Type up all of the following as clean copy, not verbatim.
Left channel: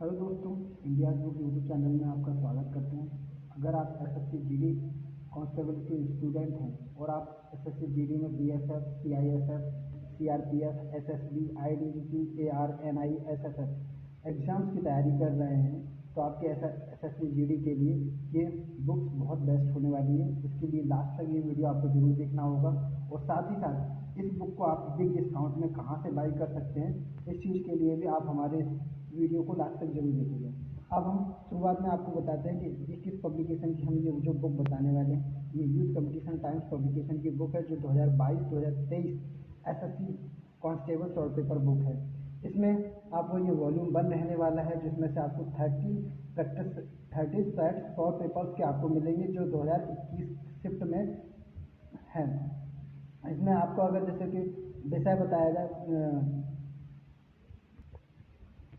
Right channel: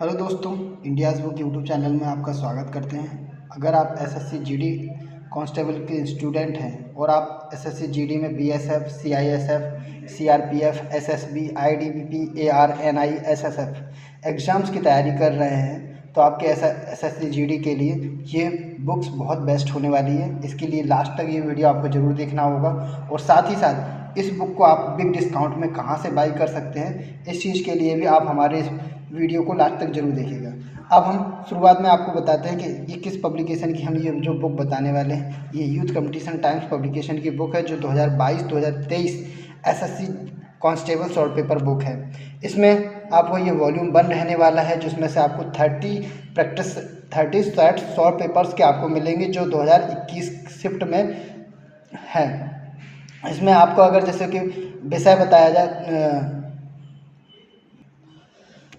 Hello दोस्तों, India's book YouTube channel में आपका स्वागत करते हैं। अगर आप एसएससी जीडी कांस्टेबल के स्टूडेंट हैं और आप एसएससी जीडी में BSF, CISF, CRPF, SSB, ITBP, ARNI, SSF exams की तैयारी कर रहे हैं तो आपके एसएससी जीडी के लिए ये बुक्स बहुत बेस्ट होने वाली है। इसके लिए लास्ट तक ये वीडियो आपको ज़रूर देखना होगा और साथ ही साथ इस बुक को आप बिग डिस्काउंट में कहाँ से बाई कर सकते हैं, इस चीज़ के लिए भी आप हमारे इस वीडियो को लास्ट तक जरूर देखिएगा। अब हम शुरुआत में आपको बताते हैं कि ये किस पब्लिकेशन की हम ये जो बुक बताने वाले हैं। ये यूथ कंपटीशन टाइम्स पब्लिकेशन की बुक है जो 2022-2023 SSC constable short paper book है। इसमें आपको ये वॉल्यूम 1 रहने वाला है जिसमें से आपको 30 सेट शॉर्ट पेपर्स के आपको मिलेंगे जो 2021 शिफ्ट में है। इसमें आपको अगर जैसे कि विषय बताया जाए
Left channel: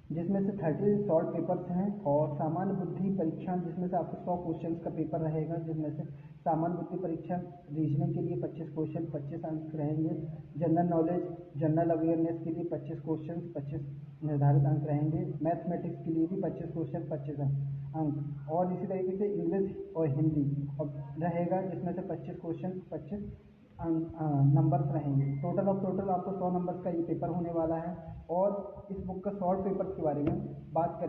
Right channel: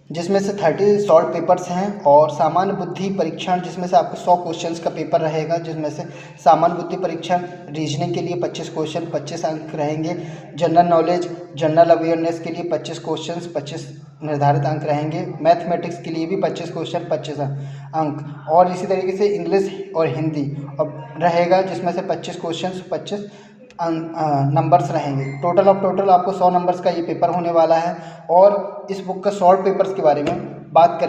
जिसमें से 30 शॉर्ट पेपर्स हैं और सामान्य बुद्धि परीक्षण जिसमें से आपको 100 क्वेश्चंस का पेपर रहेगा, जिसमें से सामान्य बुद्धि परीक्षण रीजनिंग के लिए 25 क्वेश्चन 25 अंक रहेंगे। जनरल नॉलेज जनरल अवेयरनेस के लिए 25 क्वेश्चंस 25 निर्धारित अंक रहेंगे। मैथमेटिक्स के लिए भी 25 क्वेश्चन 25 अंक और इसी तरीके से इंग्लिश और हिंदी अब रहेगा जिसमें से 25 क्वेश्चन 25 नंबर्स रहेंगे। टोटल आपको 100 नंबर्स का ये पेपर होने वाला है। और इस बुक का शॉर्ट पेपर्स के बारे में बात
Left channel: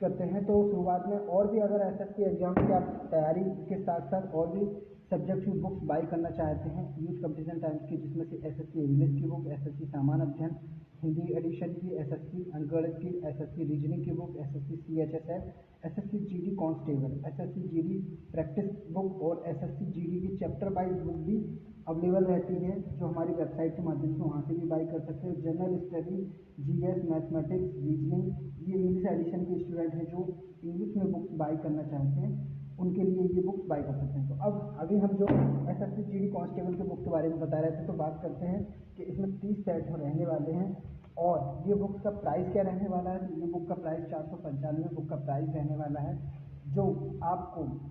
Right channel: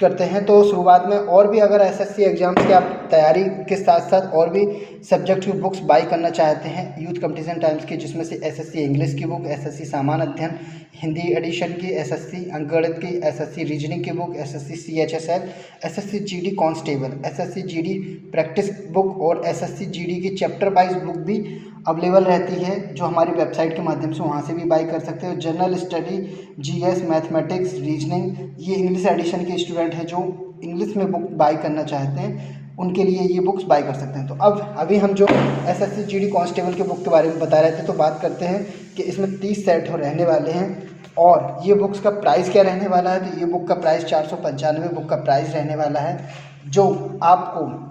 करते हैं तो शुरुआत में और भी अगर एसएससी एग्जाम्स की आप तैयारी के साथ साथ और भी सब्जेक्ट की बुक्स बाई करना चाहते हैं यूथ कंपटीशन टाइम्स की, जिसमें से एसएससी इंग्लिश की बुक, एसएससी सामान्य अध्ययन हिंदी एडिशन की, एसएससी अंकगणित की, एसएससी रीजनिंग की book, SSC CHSL, SSC GD constable, SSC GD practice book और एसएससी जीडी की चैप्टर वाइज बुक भी अवेलेबल रहती है जो हमारी वेबसाइट के माध्यम से वहाँ से भी बाई कर सकते हो। General study, GS, mathematics, reasoning, ये इंग्लिश एडिशन के स्टूडेंट हैं जो इंग्लिश में बुक बाई करना चाहते हैं उनके लिए ये बुक्स बाई कर सकते हैं। तो अब अभी हम जो एसएससी जीडी कांस्टेबल के बुक के बारे में बता रहे थे तो बात करते हैं कि इसमें 30 सेट रहने वाले हैं और ये बुक्स का प्राइस क्या रहने वाला है। तो ये बुक का प्राइस 495 बुक का प्राइस रहने वाला है जो आपको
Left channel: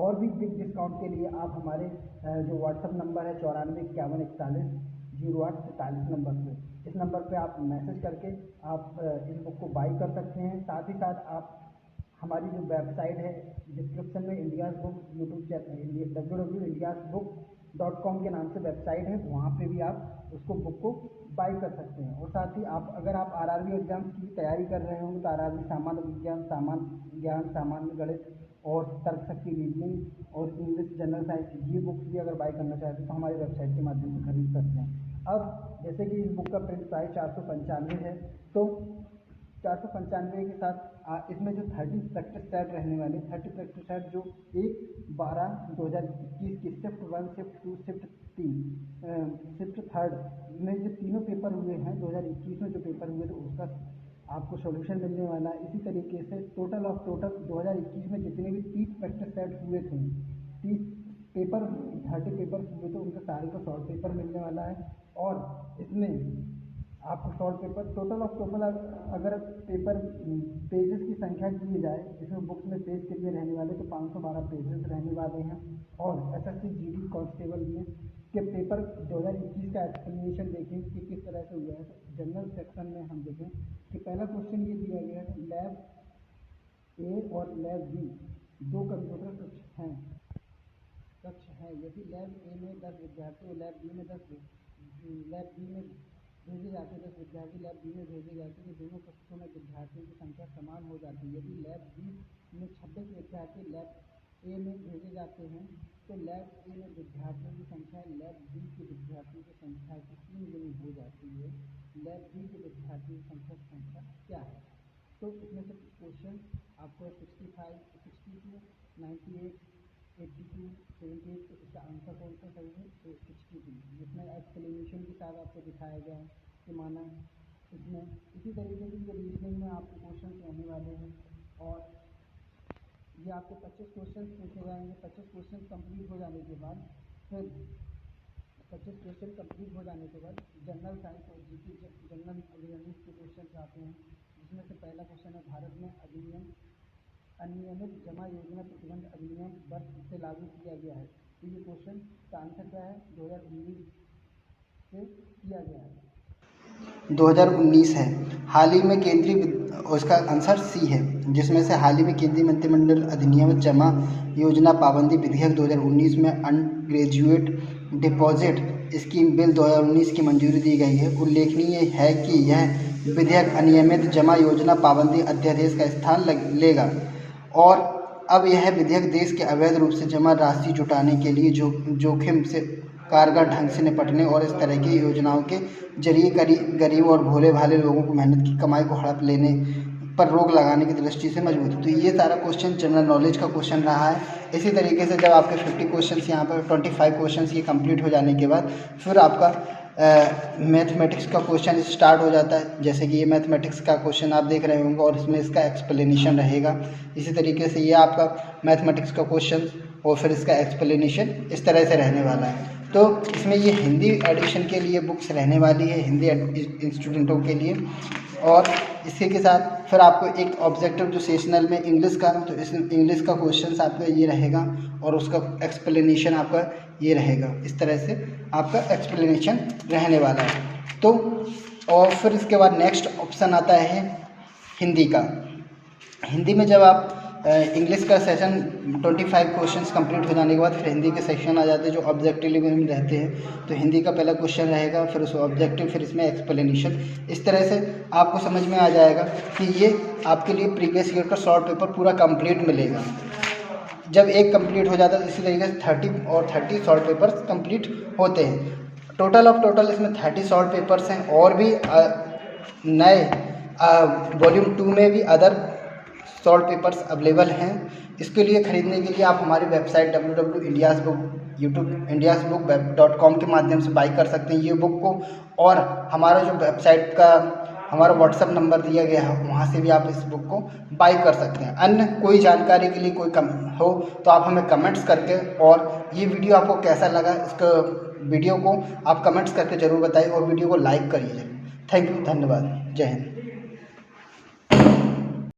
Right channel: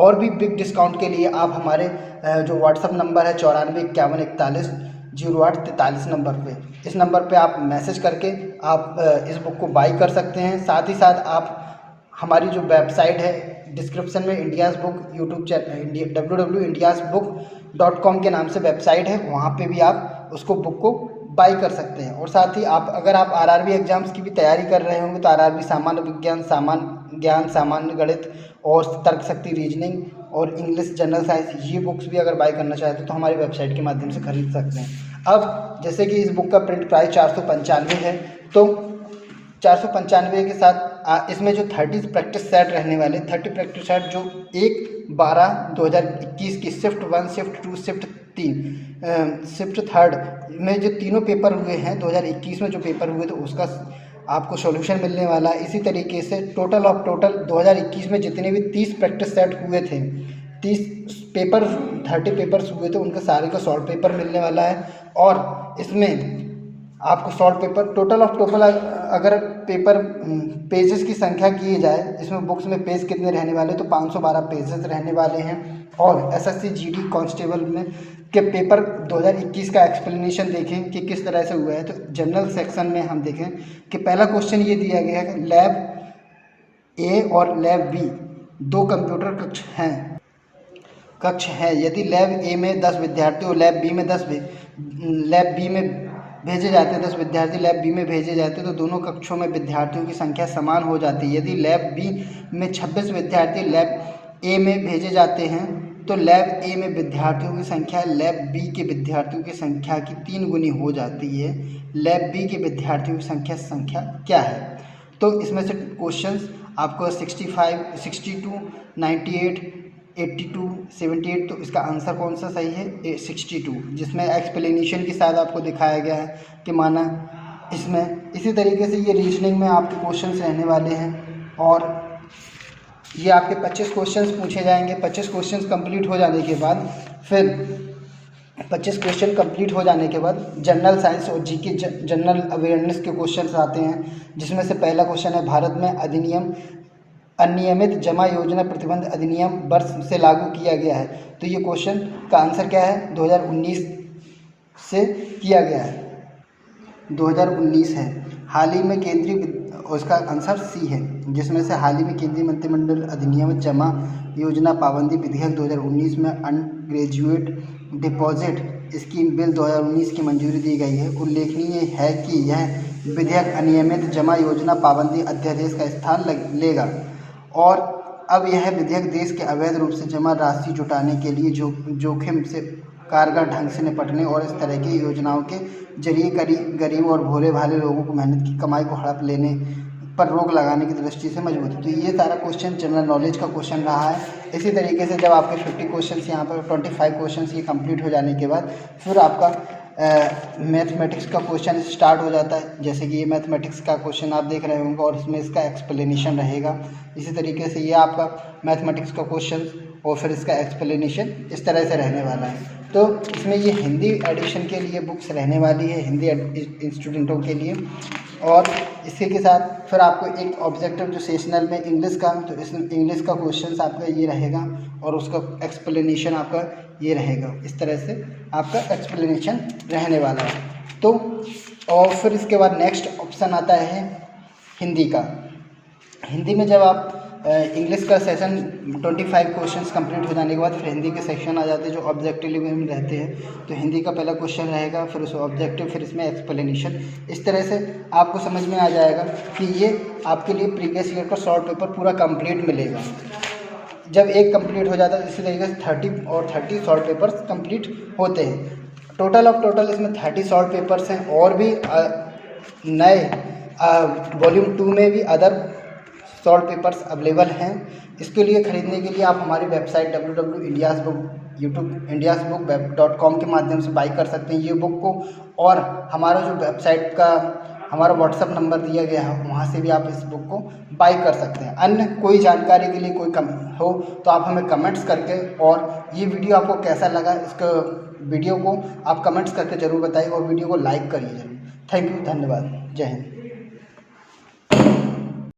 और भी बिग डिस्काउंट के लिए आप हमारे जो व्हाट्सअप नंबर है 9451410843 नंबर पे, इस नंबर पे आप मैसेज करके आप इस बुक को बाई कर सकते हैं। साथ ही साथ आप हमारी जो वेबसाइट है डिस्क्रिप्शन में India's book YouTube channel www.indiasbook.com के नाम से वेबसाइट है, वहाँ पे भी आप उसको बुक को बाई कर सकते हैं। और साथ ही अगर आप आरआरबी एग्जाम्स की भी तैयारी कर रहे होंगे तो आरआरबी सामान्य विज्ञान, सामान्य ज्ञान, सामान्य गणित और तर्क शक्ति रीजनिंग और इंग्लिश जनरल साइंस, ये बुक्स भी अगर बाई करना चाहते हैं तो हमारी वेबसाइट के माध्यम से खरीद सकते हैं। अब जैसे कि इस बुक का प्रिंट प्राइस 495 है तो 495 के साथ इसमें जो 30 प्रैक्टिस सेट रहने वाले 30 प्रैक्टिस सेट जो 1/12/2021 की शिफ्ट 1, शिफ्ट 2, शिफ्ट 3, शिफ्ट 3 में जो तीनों पेपर हुए हैं 2021 में जो पेपर हुए थे उसका आपको सॉल्यूशन मिलने वाला है। इसी तरीके से टोटल 2021 में जितने भी 30 प्रैक्टिस सेट हुए थे, 30 पेपर्स हुए थे, उनका सारे का सॉल्व पेपर मिलने वाला है। और इसमें आपको सॉल्व पेपर टोटल अगर पेपर पेजेस की संख्या की जाए, इसमें बुक्स में पेज कितने रहने वाले तो 512 पेजेस रहने वाले हैं। और एसएससी जीडी कांस्टेबल में के पेपर 2021 का एक्सप्लेनेशन देखें कि किस तरह से हुआ है तो जनरल सेक्शन में हम देखें कि पहला क्वेश्चन ये दिया गया है कि लैब ए और लैब बी 2 कंप्यूटर कक्ष हैं। यदि लैब ए में 10 विद्यार्थी और लैब बी में भेजे जाते हैं 10 विद्यार्थी लैब बी में भेजे जाते हैं तो दोनों कक्षों में विद्यार्थियों की संख्या समान हो जाती है। यदि लैब बी में 26 विद्यार्थी लैब ए में भेजे जाते हैं तो लैब ए में विद्यार्थियों की संख्या लैब बी के विद्यार्थियों की संख्या की 3 गुनी हो जाती है। लैब बी के विद्यार्थियों की संख्या क्या है। तो इसमें से क्वेश्चंस आपको 65, 62, 98, 82, 78, तो इसका आंसर कौन सा सही है 62, जिसमें एक्सप्लेनेशन के साथ आपको दिखाया गया है कि माना इसमें। इसी तरीके से ये रीजनिंग में आपके क्वेश्चंस रहने वाले हैं और ये आपके 25 क्वेश्चंस पूछे जाएंगे। 25 क्वेश्चंस कंप्लीट हो जाने के बाद फिर 25 क्वेश्चन कंप्लीट हो जाने के बाद जनरल साइंस और जीके जनरल अवेयरनेस के क्वेश्चंस आते हैं, जिसमें से पहला क्वेश्चन है भारत में अनियमित जमा योजना प्रतिबंध अधिनियम वर्ष से लागू किया गया है। तो ये क्वेश्चन का आंसर क्या है 2019 से किया गया है, 2019 है। हाल ही में उसका आंसर सी है, जिसमें से हाल ही में केंद्रीय मंत्रिमंडल अधिनियम जमा योजना पाबंदी विधेयक 2019 में अनग्रेजुएट डिपॉजिट स्कीम बिल 2019 की मंजूरी दी गई है। उल्लेखनीय है कि यह विधेयक अनियमित जमा योजना पाबंदी अध्यादेश का स्थान लेगा और अब यह विधेयक देश के अवैध रूप से जमा राशि जुटाने के लिए जोखिम से कारगर ढंग से निपटने और इस तरह की योजनाओं के जरिए गरीब और भोले भाले लोगों को मेहनत की कमाई को हड़प लेने पर रोक लगाने की दृष्टि से मजबूत है। तो ये सारा क्वेश्चन जनरल नॉलेज का क्वेश्चन रहा है। इसी तरीके से जब आपके 50 क्वेश्चन यहाँ पर 25 क्वेश्चन ये कंप्लीट हो जाने के बाद फिर आपका मैथमेटिक्स का क्वेश्चन स्टार्ट हो जाता है। जैसे कि ये मैथमेटिक्स का क्वेश्चन आप देख रहे होंगे और इसमें इसका एक्सप्लेनेशन रहेगा। इसी तरीके से ये आपका मैथमेटिक्स का क्वेश्चन और फिर इसका एक्सप्लेनेशन इस तरह से रहने वाला है। तो इसमें ये हिंदी एडिशन के लिए बुक्स रहने वाली है, हिंदी स्टूडेंटों के लिए। और इसी के साथ फिर आपको एक ऑब्जेक्टिव जो सेशनल में इंग्लिश का, तो इस इंग्लिश का क्वेश्चन आपका ये रहेगा और उसका एक्सप्लेनेशन आपका ये रहेगा। इस तरह से आपका एक्सप्लेनेशन रहने वाला है। तो और फिर इसके बाद नेक्स्ट ऑप्शन आता है हिंदी का। हिंदी में जब आप इंग्लिश का सेशन 25 क्वेश्चंस कंप्लीट हो जाने के बाद फिर हिंदी के सेक्शन आ जाते हैं जो ऑब्जेक्टिव में रहते हैं। तो हिंदी का पहला क्वेश्चन रहेगा, फिर उस ऑब्जेक्टिव, फिर इसमें एक्सप्लेनेशन। इस तरह से आपको समझ में आ जाएगा कि ये आपके लिए प्रीवियस ईयर का शॉर्ट पेपर पूरा कंप्लीट मिलेगा। जब एक कंप्लीट हो जाता है इसी तरीके से 30 और 30 शॉर्ट पेपर्स कंप्लीट होते हैं। टोटल इसमें 30 शॉर्ट पेपर्स हैं और भी नए वॉल्यूम 2 में भी अदर शॉर्ट पेपर्स अवेलेबल हैं। इसके लिए ख़रीदने के लिए आप हमारी वेबसाइट www.indiasbook.com के माध्यम से बाई कर सकते हैं ये बुक को। और हमारा जो वेबसाइट का हमारा व्हाट्सअप नंबर दिया गया है वहाँ से भी आप इस बुक को बाई कर सकते हैं। अन्य कोई जानकारी के लिए कोई कम हो तो आप हमें कमेंट्स करके, और ये वीडियो आपको कैसा लगा इसका वीडियो को आप कमेंट्स करके ज़रूर बताइए और वीडियो को लाइक करिए ज़रूर। थैंक यू, धन्यवाद, जय हिंद।